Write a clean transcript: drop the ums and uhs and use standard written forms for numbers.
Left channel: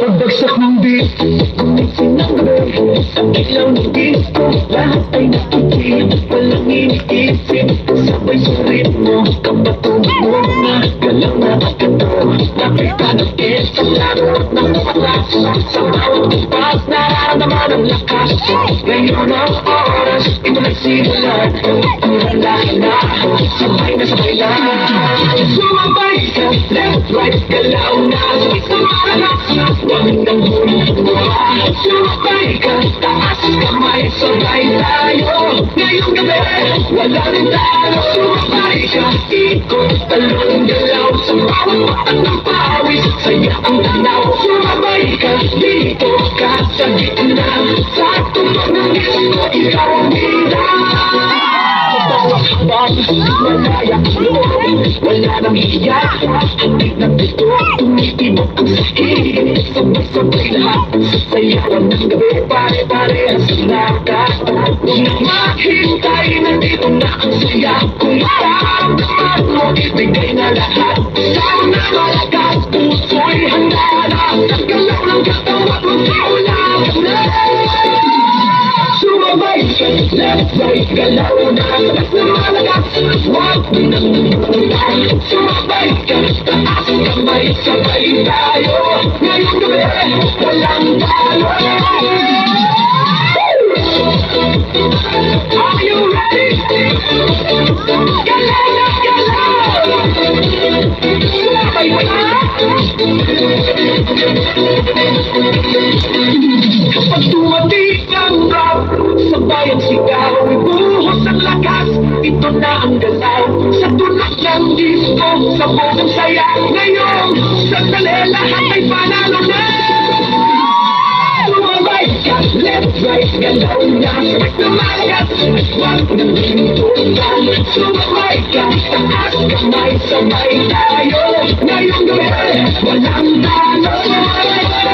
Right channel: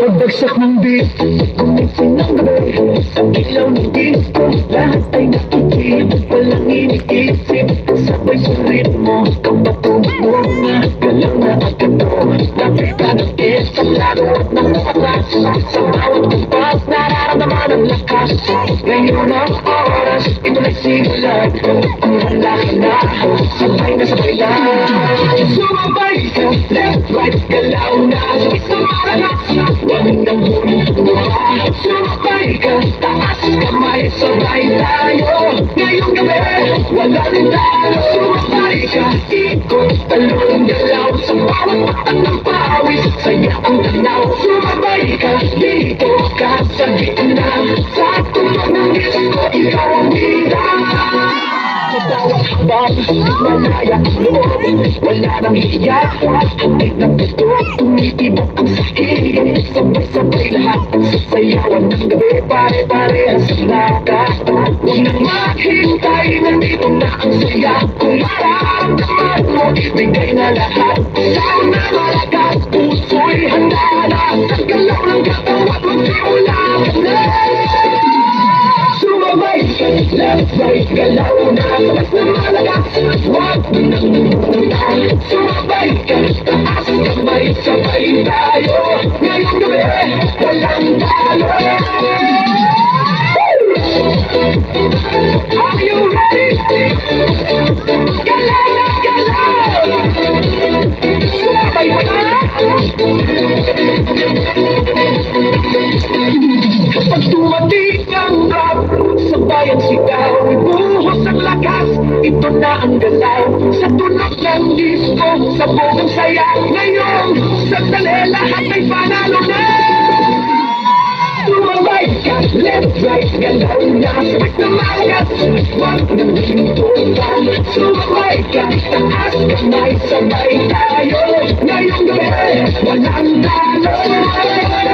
Pagbagsak ng beat, gumising ng gabi, sa ilaw ng disco, lahat ay nakikinig, walang iniisip, sabay sa ritmo, kabatong mo na, galang na agad mo, nakita ng isang laro ng mga klasa, sa bawat kumpas, nararamdaman ang lakas, ngayon ang oras, ito na simulan, kurang lahat na, sabay na sabay na, sumabay ka, left, right, galaw na, sabay sa mga lakas, huwag nang bumubuha, sumabay ka, taas kamay, sabay tayo, ngayong gabi, wala rin talo, sumabay ka, ikot, talong galaw, sa bawat patak ng pawis, saya ang tanaw, sumabay ka, dito ka sa gitna, sa tulong ng disco, ikaw ang bida. Malaya ang loob, wala nang hiya, hanggang ng ito, tumitibok ang sakit, sabay-sabay lahat, sayawan ng gabi, pare-pare ang sinaka, huwag nang maghintay, nandito na ang saya, kung mararamdaman mo, ibigay na lahat, saan na malakas, puso'y handa na, ang galaw ng katawan mo, wala ka na. Sumabay ka, left, right, galaw na, sabay na malakas, huwag nang bumubuhay, sumabay ka, taas kamay, sabay tayo, ngayong gabi, walang talo. Are you ready? Galaw na galaw, sumabay ka na. Kapag dumating ang rap, sabay ang sigaw, ibuhos ang lakas, ito na ang galaw, sa tunog ng disco, sa bodong saya, ngayon, sandali lahat ay panalo na. Sumabay ka, left, right, galaw na, sabay na malakas, huwag nang hintutan, sumabay ka, taas kamay, sabay tayo, ngayong gabi, walang talo. Sumabay ka.